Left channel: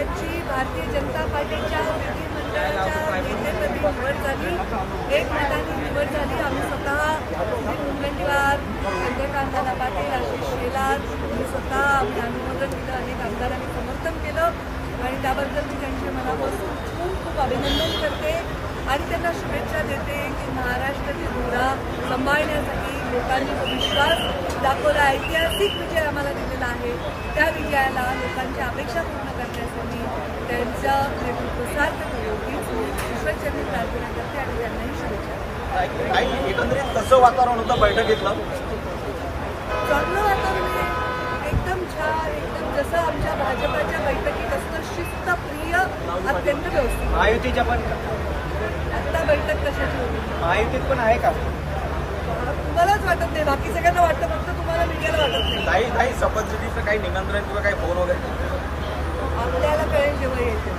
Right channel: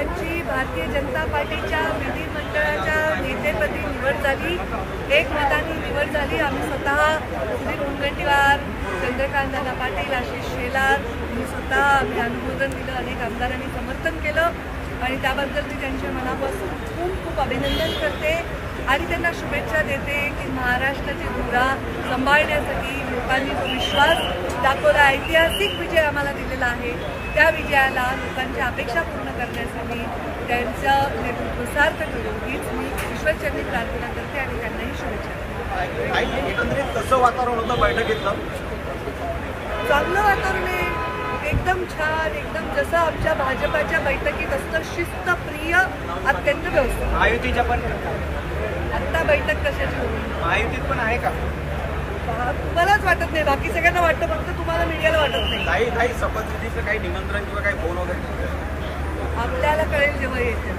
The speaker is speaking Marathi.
यांची भारतीय जनता पार्टीच्या विधिमंडळाच्या नेतेपदी निवड झाली. एक मताने निवड झाली. आम्ही स्वतः सुनील मुनगंटीवार, चंद्रकांत पाटील, आशिष शेलार मी स्वतः आम्ही अनुमोदन दिलं. अनेक आमदारांनी समर्थन केलं आणि त्याबद्दल मी त्यांच्या मनापासून खूप खूप अभिनंदन करते आणि त्यांना शुभेच्छा देते की महाराष्ट्राची धुरा सांभाळण्यासाठी लोकांनी जो विश्वास दाखवला, ऐतिहासिक विजय आम्हाला दिलेला आहे, त्या विजयाला लोकांच्या अपेक्षा पूर्ण करण्यासाठी त्यांचं नेतृत्व सार्थ करू हीच मी ईश्वरचरणी प्रार्थना करते आणि त्यांनाही शुभेच्छा देते. एकंदरीत कसं वातावरण होतं बैठकीतलं? चांगलं वातावरण आहे, एकदम छान, एकदम जसं आमच्या भाजपाच्या बैठकीत असतं, शिस्तप्रिय, अत्यंत व्यवस्थित. महायुतीच्या पण आत्ता बैठक कशाची होती? महायुतीत पण आहे का? तुम्हालाच वाटत नाही, बाकी सगळ्यांना वाटतं, फक्त तुम्हाला मीडियाला वाटत नाही. नाही शपथविधीचं काही निमंत्रण किंवा काही फोन वगैरे आपल्याला कळेल जेव्हा येते.